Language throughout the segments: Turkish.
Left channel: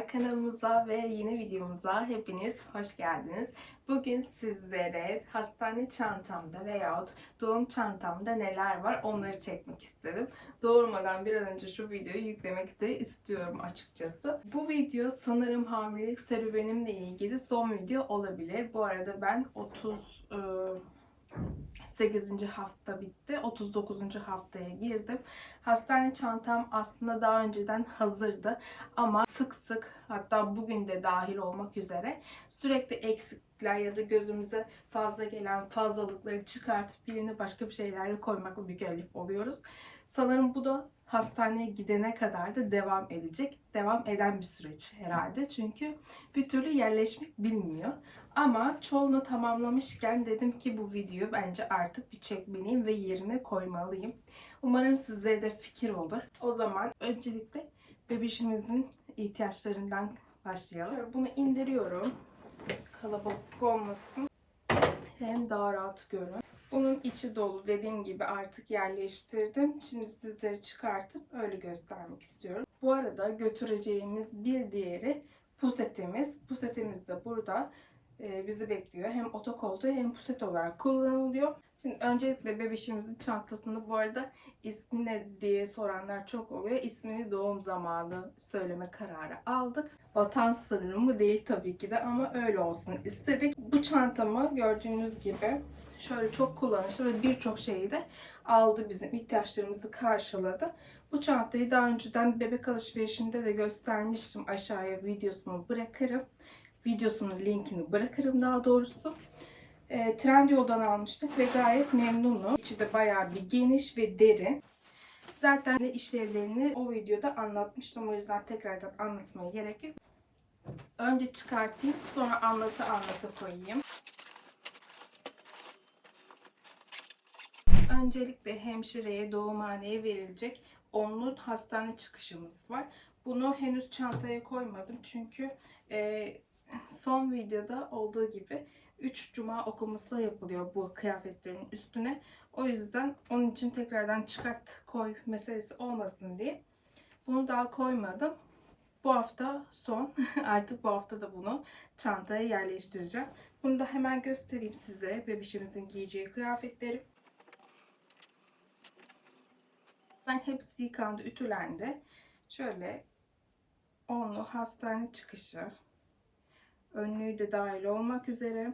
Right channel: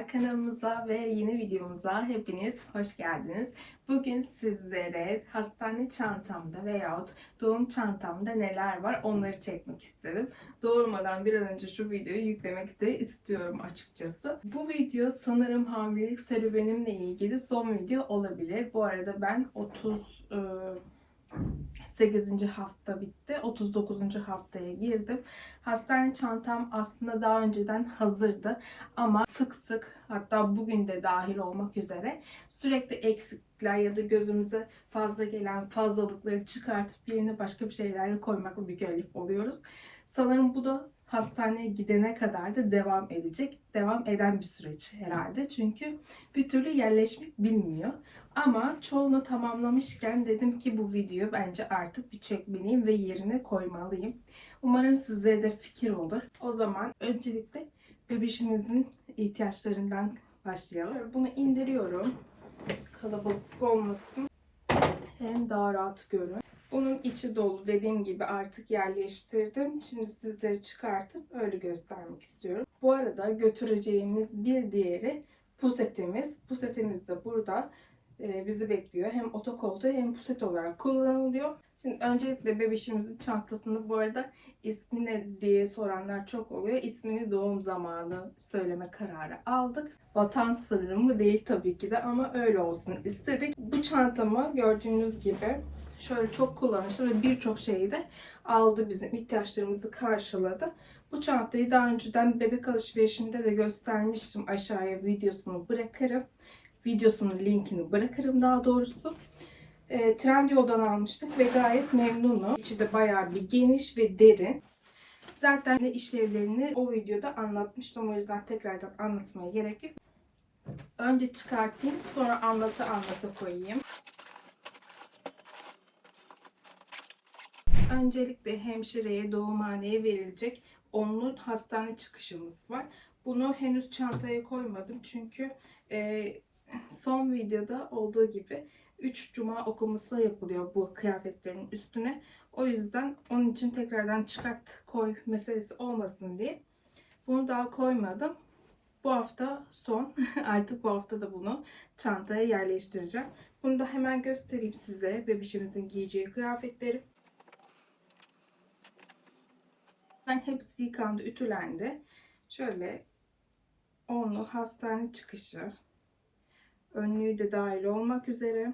Merhabalar kanalımıza ve yeni videomuza hepiniz hoş geldiniz. Bugün sizlere hastane çantamda veyahut doğum çantamda neler var onları çekmek istedim. Doğurmadan bir an önce şu videoyu yüklemek de istiyorum açıkçası. Bu video sanırım hamilelik serüvenimle ilgili son video olabilir. Bu arada ben 30 8. hafta bitti. 39. haftaya girdim. Hastane çantam aslında daha önceden hazırdı ama sık sık hatta bugün de dahil olmak üzere sürekli eksiklikler ya da gözümüze fazla gelen fazlalıkları çıkartıp yerine başka bir şeylerle koymakla mükellef oluyoruz. Sanırım bu da hastaneye gidene kadar da devam edecek. Devam eden bir süreç herhalde. Çünkü bir türlü yerleşmek bilmiyor. Ama çoğunu tamamlamışken dedim ki bu videoyu bence artık bir çekmeliyim ve yerine koymalıyım. Umarım sizlere de fikir olur. O zaman öncelikle bebişimizin ihtiyaçlarından başlayalım. Bunu indiriyorum. Kalabalık olmasın. Hem daha rahat görün. Bunun içi dolu dediğim gibi artık yerleştirdim. Şimdi sizlere çıkartıp öyle göstermek istiyorum. Bu arada götüreceğimiz bir diğeri pusetimiz. Pusetimiz de burada bizi bekliyor. Hem otokoltuğu hem puset olarak kullanılıyor. Şimdi öncelikle bebişimizin çantasında bu arada ismi ne diye soranlar çok oluyor. İsmini doğum zamanı söyleme kararı aldık. Vatan sırrı mı değil tabii ki de ama öyle olsun istedik. Bu çantamı gördüğünüz gibi şöyle çok kullanışlı ve birçok şeyi de aldı bizim ihtiyaçlarımızı karşıladı. Bu çantayı daha önceden bebek alışverişinde de göstermiştim. Aşağıya videosunu bırakırım. Videosunun linkini bırakırım daha doğrusu. E, Trendyol'dan almıştık ve gayet memnunum. İçi de bayağı bir geniş ve derin. Zaten işlevlerini o videoda anlatmıştım. O yüzden tekrardan anlatmaya gerek yok. Önce çıkartayım sonra anlatı anlatı koyayım. Öncelikle hemşireye, doğumhaneye verilecek onlu hastane çıkışımız var. Bunu henüz çantaya koymadım çünkü e, son videoda olduğu gibi 3 cuma okuması yapılıyor bu kıyafetlerin üstüne. O yüzden onun için tekrardan çıkart koy meselesi olmasın diye bunu daha koymadım. Bu hafta son. Artık bu hafta da bunu çantaya yerleştireceğim. Bunu da hemen göstereyim size. Bebişimizin giyeceği kıyafetleri. Ben hepsi yıkandı, ütülendi. Şöyle onlu hastane çıkışı. Önlüğü de dahil olmak üzere.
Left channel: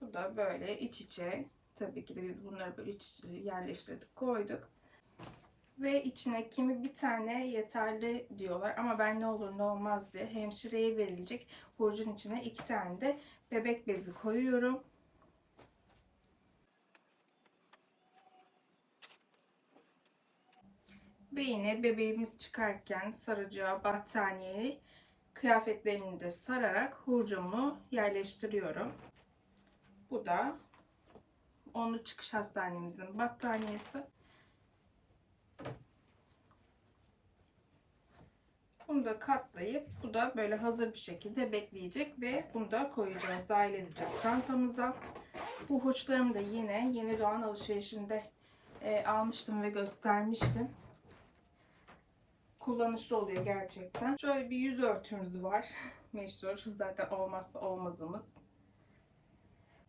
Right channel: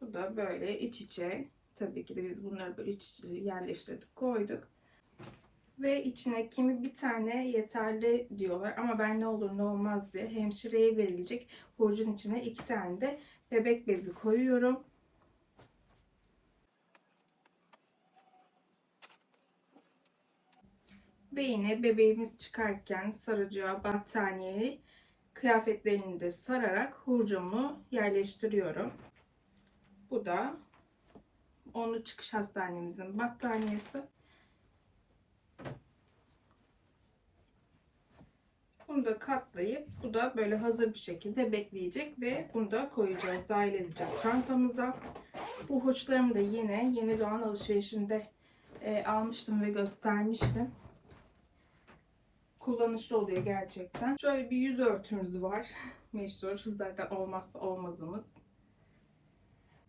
Bu da böyle iç içe. Tabii ki de biz bunları böyle iç içe yerleştirdik, koyduk. Ve içine kimi bir tane yeterli diyorlar ama ben ne olur ne olmaz diye hemşireye verilecek burcun içine iki tane de bebek bezi koyuyorum. Ve bebeğimiz çıkarken saracağı battaniyeyi kıyafetlerini de sararak hurcumu yerleştiriyorum. Bu da onlu çıkış hastanemizin battaniyesi. Bunu da katlayıp bu da böyle hazır bir şekilde bekleyecek ve bunu da koyacağız, dahil edeceğiz çantamıza. Bu hurçlarımı da yine yeni doğan alışverişinde e, almıştım ve göstermiştim kullanışlı oluyor gerçekten. Şöyle bir yüz örtümüz var. Meşhur. Zaten olmazsa olmazımız.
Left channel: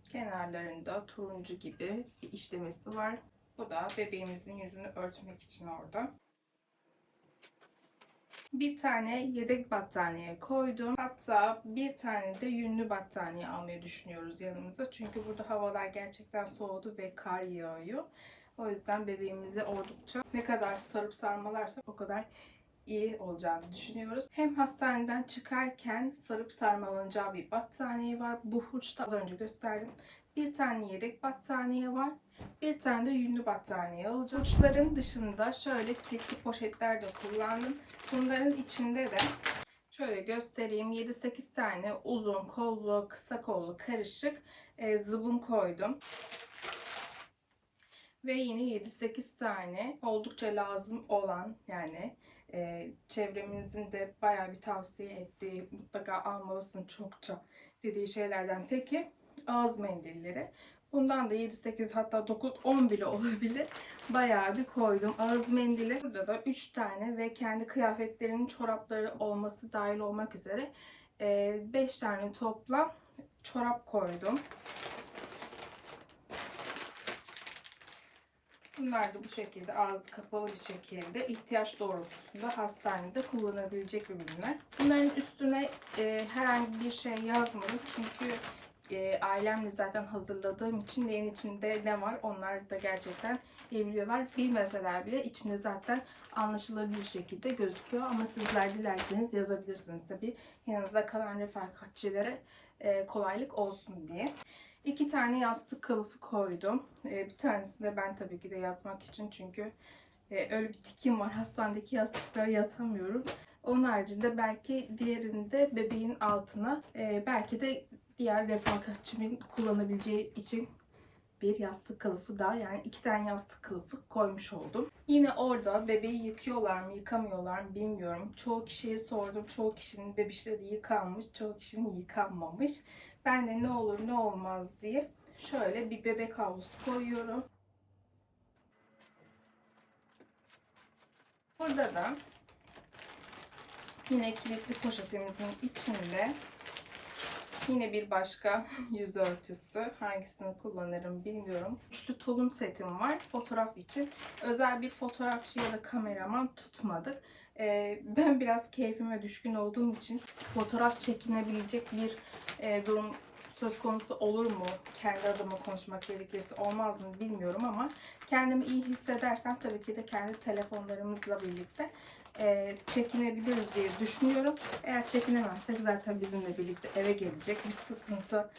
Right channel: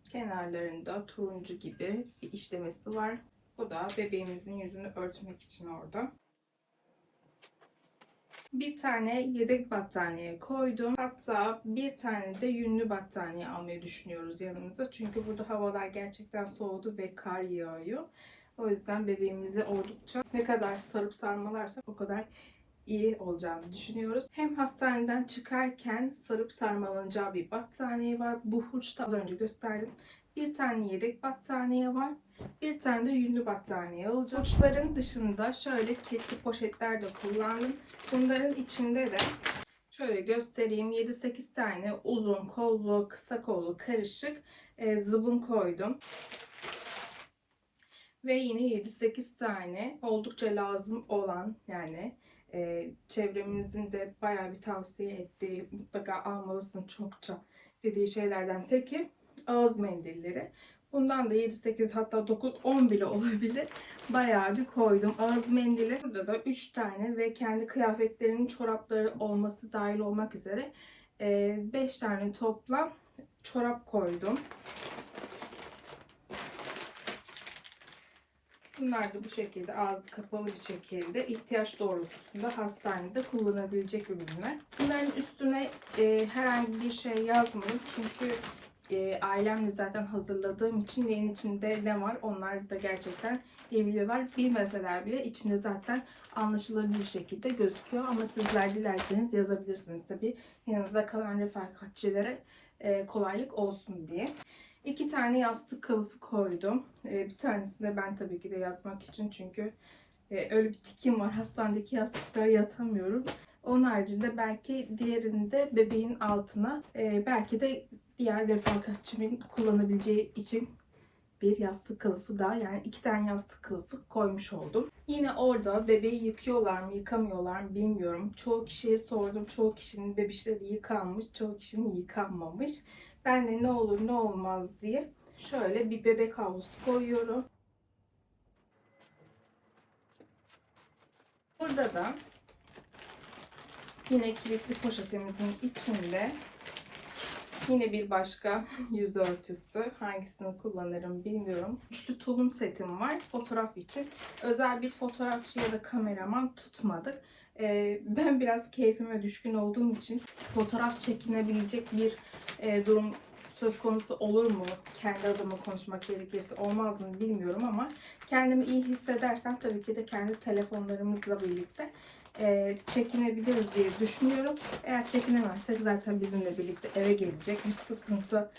Kenarlarında turuncu gibi bir işlemesi var. Bu da bebeğimizin yüzünü örtmek için orada. Bir tane yedek battaniye koydum. Hatta bir tane de yünlü battaniye almayı düşünüyoruz yanımıza. Çünkü burada havalar gerçekten soğudu ve kar yağıyor. O yüzden bebeğimizi oldukça ne kadar sarıp sarmalarsak o kadar iyi olacağını düşünüyoruz. Hem hastaneden çıkarken sarıp sarmalanacağı bir battaniye var. Bu hurçta az önce gösterdim. Bir tane yedek battaniye var. Bir tane de yünlü battaniye alacağım. Hurçların dışında şöyle kilitli poşetler de kullandım. Bunların içinde de şöyle göstereyim. 7-8 tane uzun kollu, kısa kollu karışık e, zıbın koydum. Ve yine 7-8 tane oldukça lazım olan yani e, çevremizin de bayağı bir tavsiye ettiği mutlaka almalısın çokça dediği şeylerden teki ağız mendilleri. Bundan da 7, 8 hatta 9, 10 bile olabilir. Bayağı bir koydum. Ağız mendili. Burada da 3 tane ve kendi kıyafetlerinin çorapları olması dahil olmak üzere 5 tane toplam çorap koydum. Bunlar da bu şekilde ağzı kapalı bir şekilde ihtiyaç doğrultusunda hastanede kullanabilecek ürünler. Bunların üstüne e, herhangi bir şey yazmadım çünkü e, ailemle zaten hazırladığım için neyin içinde ne var onlar da gerçekten biliyorlar. Bilmeseler bile içinde zaten anlaşılabilir şekilde gözüküyor ama sizler dilerseniz yazabilirsiniz tabi yanınızda kalan refakatçilere e, kolaylık olsun diye. İki tane yastık kılıfı koydum. Ee, bir tanesini de ben tabii ki de yazmak için çünkü e, öyle bir tikim var. Hastanedeki yastıklara yatamıyorum. Onun haricinde belki diğerini de bebeğin altına e, belki de diğer refakatçimin kullanabileceği için bir yastık kılıfı daha yani iki tane yastık kılıfı koymuş oldum. Yine orada bebeği yıkıyorlar mı yıkamıyorlar mı bilmiyorum. Çoğu kişiye sordum. Çoğu kişinin bebişleri yıkanmış, çoğu kişinin yıkanmamış. Ben de ne olur ne olmaz diye şöyle bir bebek havlusu koyuyorum. Burada da yine kilitli poşetimizin içinde yine bir başka yüz örtüsü. Hangisini kullanırım bilmiyorum. Üçlü tulum setim var fotoğraf için. Özel bir fotoğrafçı ya da kameraman tutmadık. Ee, ben biraz keyfime düşkün olduğum için fotoğraf çekinebilecek bir e, durum söz konusu olur mu? Kendi adıma konuşmak gerekirse olmaz mı bilmiyorum ama kendimi iyi hissedersem tabii ki de kendi telefonlarımızla birlikte e, çekinebiliriz diye düşünüyorum. Eğer çekinemezsek zaten bizimle birlikte eve gelecek. Bir sıkıntı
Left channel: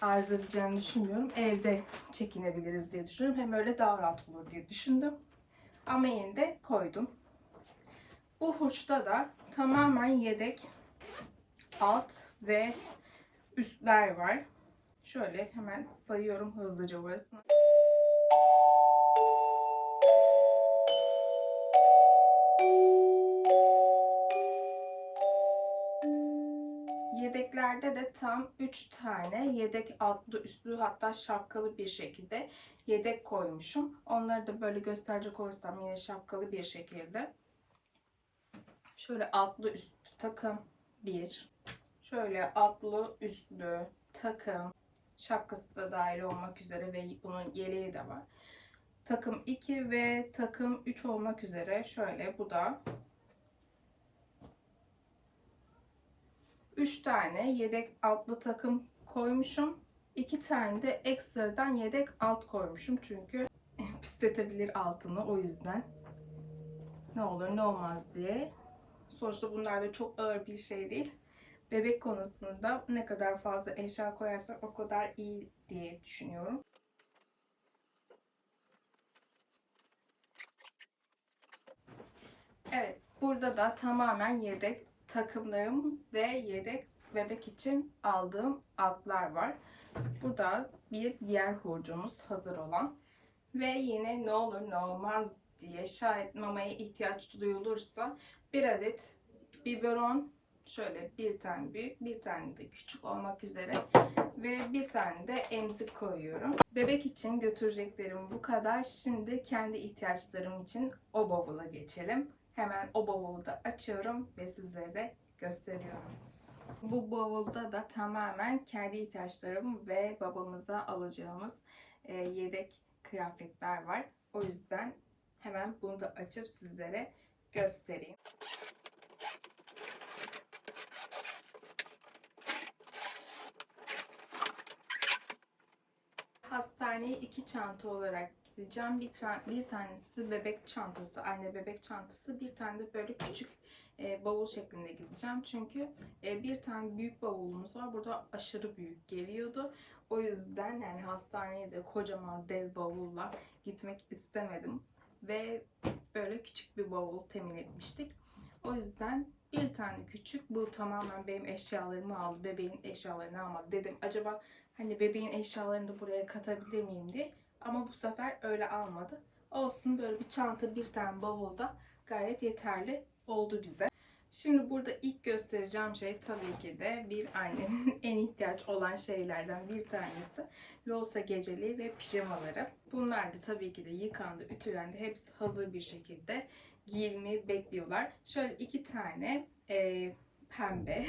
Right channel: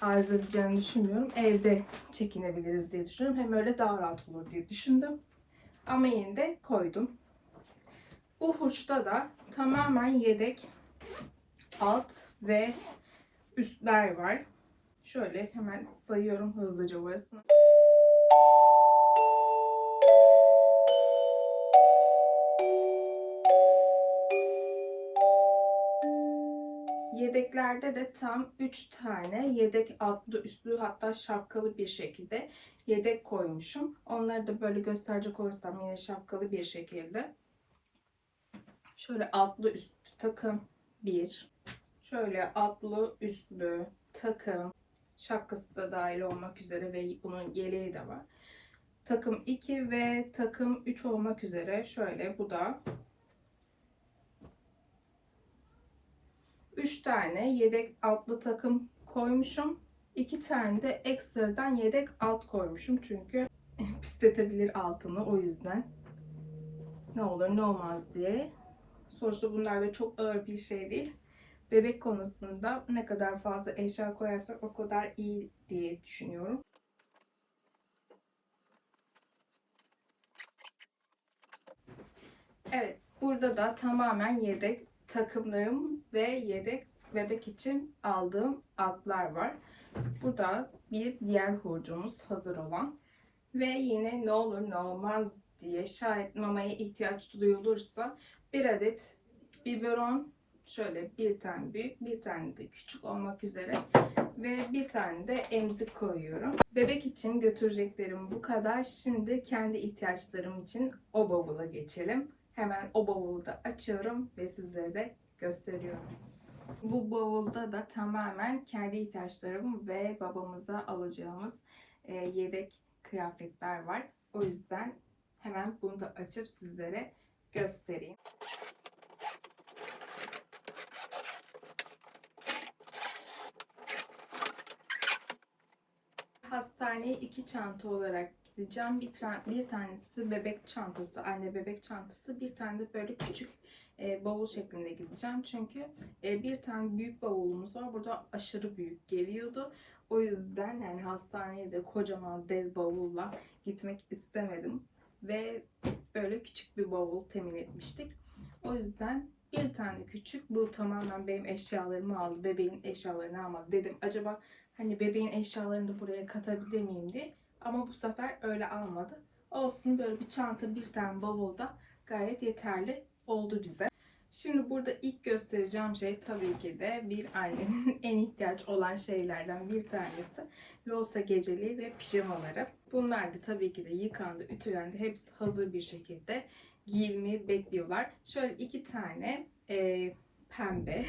arz edeceğini düşünmüyorum. Evde çekinebiliriz diye düşünüyorum. Hem öyle daha rahat olur diye düşündüm. Ama yine de koydum. Bu hurçta da tamamen yedek alt ve üstler var. Şöyle hemen sayıyorum hızlıca burasını. Yedeklerde de tam 3 tane yedek altlı üstlü hatta şapkalı bir şekilde yedek koymuşum. Onları da böyle gösterecek olursam yine şapkalı bir şekilde. Şöyle altlı üstlü takım 1. Şöyle altlı üstlü takım şapkası da dahil olmak üzere ve bunun yeleği de var. Takım 2 ve takım 3 olmak üzere şöyle bu da 3 tane yedek altlı takım koymuşum. 2 tane de ekstradan yedek alt koymuşum. Çünkü pisletebilir altını o yüzden. Ne olur ne olmaz diye. Sonuçta bunlar da çok ağır bir şey değil. Bebek konusunda ne kadar fazla eşya koyarsak o kadar iyi diye düşünüyorum. Evet, burada da tamamen yedek takımlarım ve yedek bebek için aldığım altlar var. Burada bir diğer hurcumuz hazır olan ve yine ne olur ne olmaz diye şayet mamaya ihtiyaç duyulursa bir adet biberon şöyle bir tane büyük bir tane de küçük olmak üzere ve bir tane de emzik koyuyorum. Bebek için götüreceklerim bu kadar. Şimdi kendi ihtiyaçlarım için o bavula geçelim. Hemen o bavulu da açıyorum ve sizlere de gösteriyorum. Bu bavulda da tamamen kendi ihtiyaçlarım ve babamıza alacağımız e, yedek kıyafetler var. O yüzden hemen bunu da açıp sizlere göstereyim. Hastaneye iki çanta olarak gideceğim. Bir, bir tanesi bebek çantası, anne bebek çantası. Bir tane de böyle küçük e, bavul şeklinde gideceğim. Çünkü e, bir tane büyük bavulumuz var. Burada aşırı büyük geliyordu. O yüzden yani hastaneye de kocaman dev bavulla gitmek istemedim. Ve böyle küçük bir bavul temin etmiştik. O yüzden bir tane küçük bu tamamen benim eşyalarımı aldı. Bebeğin eşyalarını almadı. Dedim acaba hani bebeğin eşyalarını da buraya katabilir miyim diye. Ama bu sefer öyle almadı. Olsun böyle bir çanta bir tane bavulda gayet yeterli oldu bize. Şimdi burada ilk göstereceğim şey tabii ki de bir annenin en ihtiyaç olan şeylerden bir tanesi. Loğusa geceliği ve pijamaları. Bunlar da tabii ki de yıkandı, ütülendi. Hepsi hazır bir şekilde giyilmeyi bekliyorlar. Şöyle iki tane e, pembe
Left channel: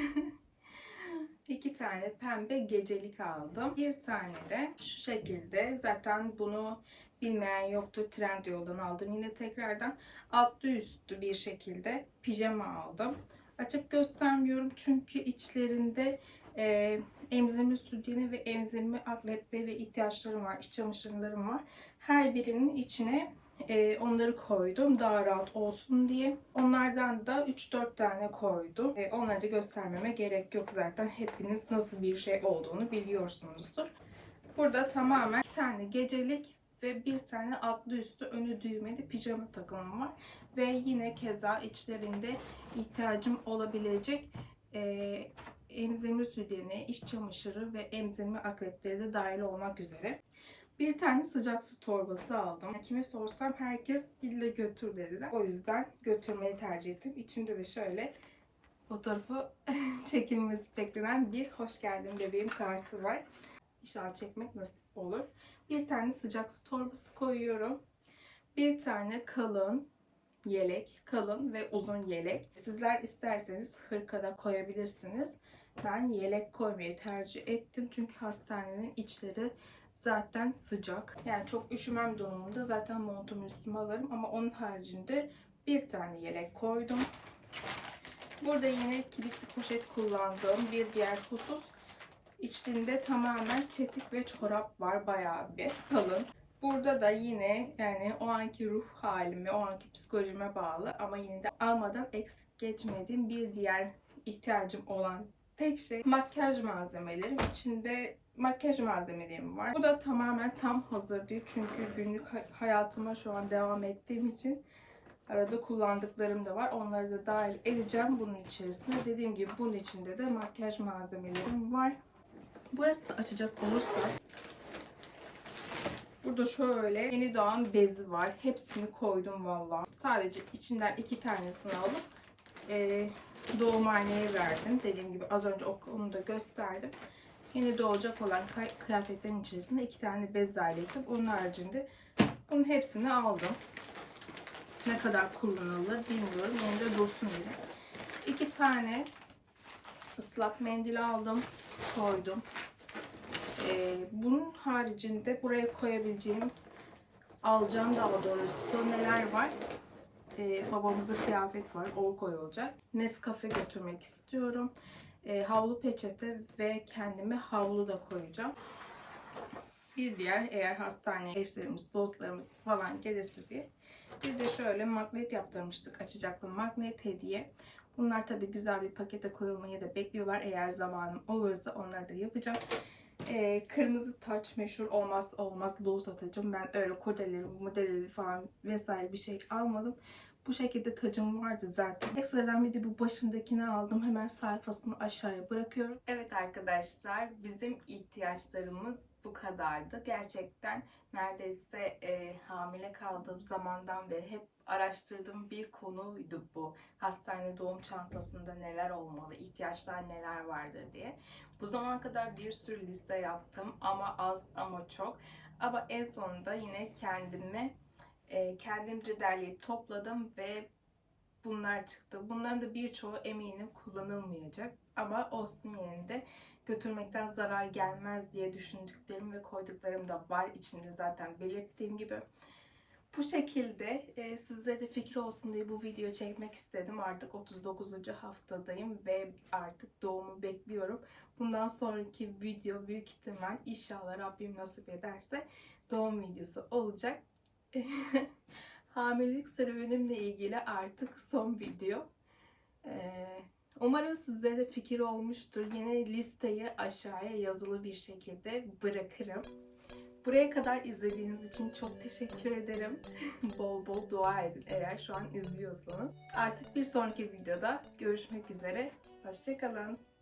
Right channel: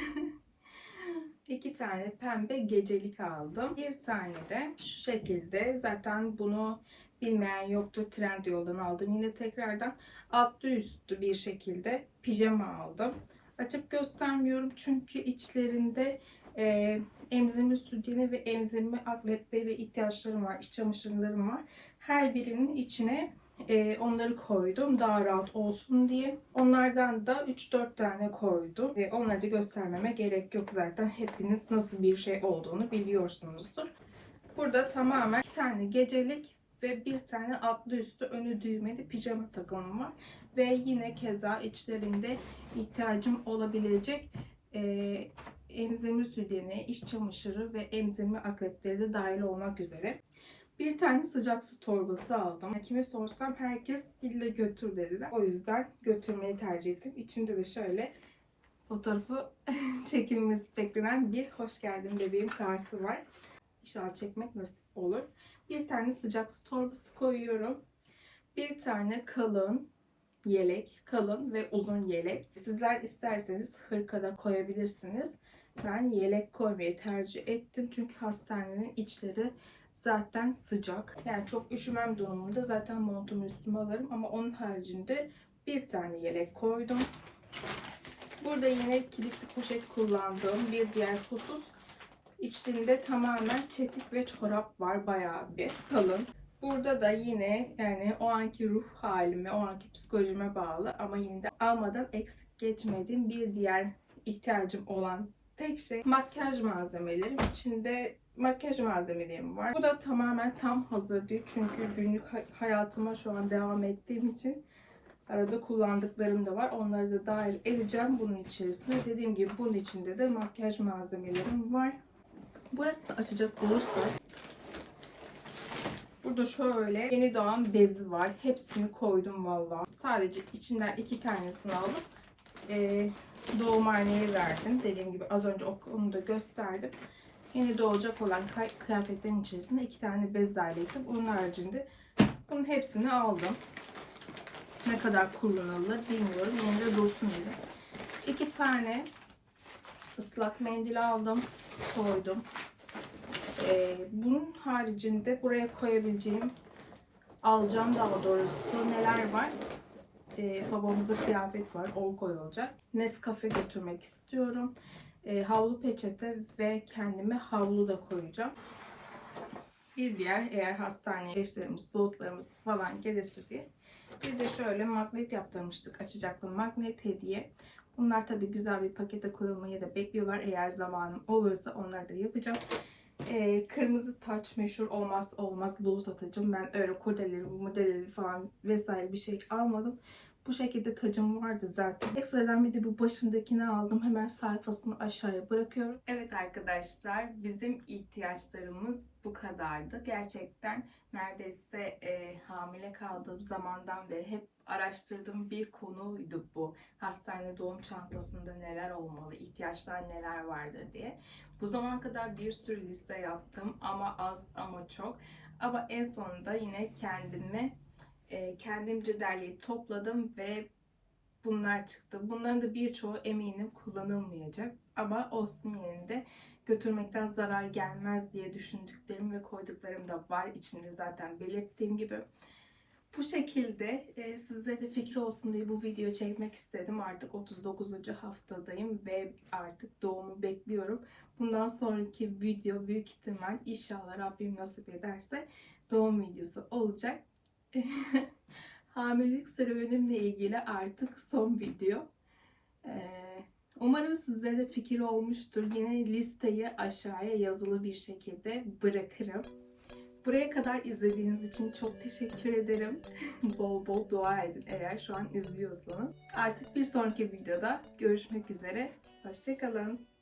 iki tane pembe gecelik aldım. Bir tane de şu şekilde zaten bunu bilmeyen yoktu. Trendyol'dan aldım. Yine tekrardan altlı üstü bir şekilde pijama aldım. Açıp göstermiyorum çünkü içlerinde e, emzirme sütyeni ve emzirme atletleri ihtiyaçlarım var. iç çamaşırlarım var. Her birinin içine e, onları koydum daha rahat olsun diye. Onlardan da 3-4 tane koydum. E, onları da göstermeme gerek yok zaten. Hepiniz nasıl bir şey olduğunu biliyorsunuzdur. Burada tamamen iki tane gecelik ve bir tane altlı üstü önü düğmeli pijama takımım var. Ve yine keza içlerinde ihtiyacım olabilecek e, emzirme sütyeni, iç çamaşırı ve emzirme akretleri de dahil olmak üzere. Bir tane sıcak su torbası aldım. Kime sorsam herkes illa götür dediler. O yüzden götürmeyi tercih ettim. İçinde de şöyle fotoğrafı çekilmesi beklenen bir hoş geldin bebeğim kartı var. İnşallah çekmek nasip olur. Bir tane sıcak su torbası koyuyorum. Bir tane kalın yelek, kalın ve uzun yelek. Sizler isterseniz hırkada koyabilirsiniz. Ben yelek koymayı tercih ettim çünkü hastanenin içleri zaten sıcak. Yani çok üşümem durumunda zaten montumu üstüme alırım ama onun haricinde bir tane yelek koydum. Burada yine kilitli poşet kullandığım bir diğer husus içinde tamamen çetik ve çorap var bayağı bir kalın. Burada da yine yani o anki ruh halime, o anki psikolojime bağlı ama yine de almadan eksik geçmediğim bir diğer ihtiyacım olan tek şey makyaj malzemelerim. İçinde makyaj malzemelerim var. Bu da tamamen tam hazır değil. Çünkü günlük hayatıma şu an devam ettiğim için arada kullandıklarım da var. Onları da dahil edeceğim bunun içerisine. Dediğim gibi bunun içinde de makyaj malzemelerim var. Burası da açacak olursa Burada şöyle yeni doğan bezi var. Hepsini koydum valla. Sadece içinden iki tanesini alıp e, doğumhaneye verdim. Dediğim gibi az önce onu da gösterdim. Yeni doğacak olan kıyafetlerin içerisinde iki tane bez dahil Onun haricinde bunun hepsini aldım. Ne kadar kullanılır bilmiyorum. Yine de dursun diye. İki tane ıslak mendil aldım. Koydum. Ee, bunun haricinde buraya koyabileceğim alacağım daha doğrusu neler var? Ee, babamızın kıyafet var. O koyulacak. Nescafe götürmek istiyorum. Ee, havlu peçete ve kendime havlu da koyacağım. Bir diğer eğer hastaneye eşlerimiz, dostlarımız falan gelirse diye. Bir de şöyle magnet yaptırmıştık. Açacaklı magnet hediye. Bunlar tabii güzel bir pakete koyulmayı da bekliyorlar. Eğer zamanım olursa onları da yapacağım. Ee, kırmızı taç meşhur olmaz olmaz loğus atacağım. Ben öyle kurdeleri, modelleri falan vesaire bir şey almadım. Bu şekilde tacım vardı zaten. Ekstradan bir de bu başımdakini aldım. Hemen sayfasını aşağıya bırakıyorum. Evet arkadaşlar bizim ihtiyaçlarımız bu kadardı. Gerçekten neredeyse e, hamile kaldığım zamandan beri hep araştırdığım bir konuydu bu. Hastane doğum çantasında neler olmalı, ihtiyaçlar neler vardır diye. Bu zamana kadar bir sürü liste yaptım ama az ama çok. Ama en sonunda yine kendimi e, kendimce derleyip topladım ve bunlar çıktı. Bunların da birçoğu eminim kullanılmayacak. Ama olsun yine de götürmekten zarar gelmez diye düşündüklerim ve koyduklarım da var içinde zaten belirttiğim gibi. Bu şekilde e, sizlere de fikir olsun diye bu video çekmek istedim. Artık 39. haftadayım ve artık doğumu bekliyorum. Bundan sonraki video büyük ihtimal inşallah Rabbim nasip ederse doğum videosu olacak. Hamilelik serüvenimle ilgili artık son video. Ee, umarım sizlere de fikir olmuştur. Yine listeyi aşağıya yazılı bir şekilde bırakırım. Buraya kadar izlediğiniz için çok teşekkür ederim. bol bol dua edin eğer şu an izliyorsanız. Artık bir sonraki videoda görüşmek üzere. Hoşçakalın.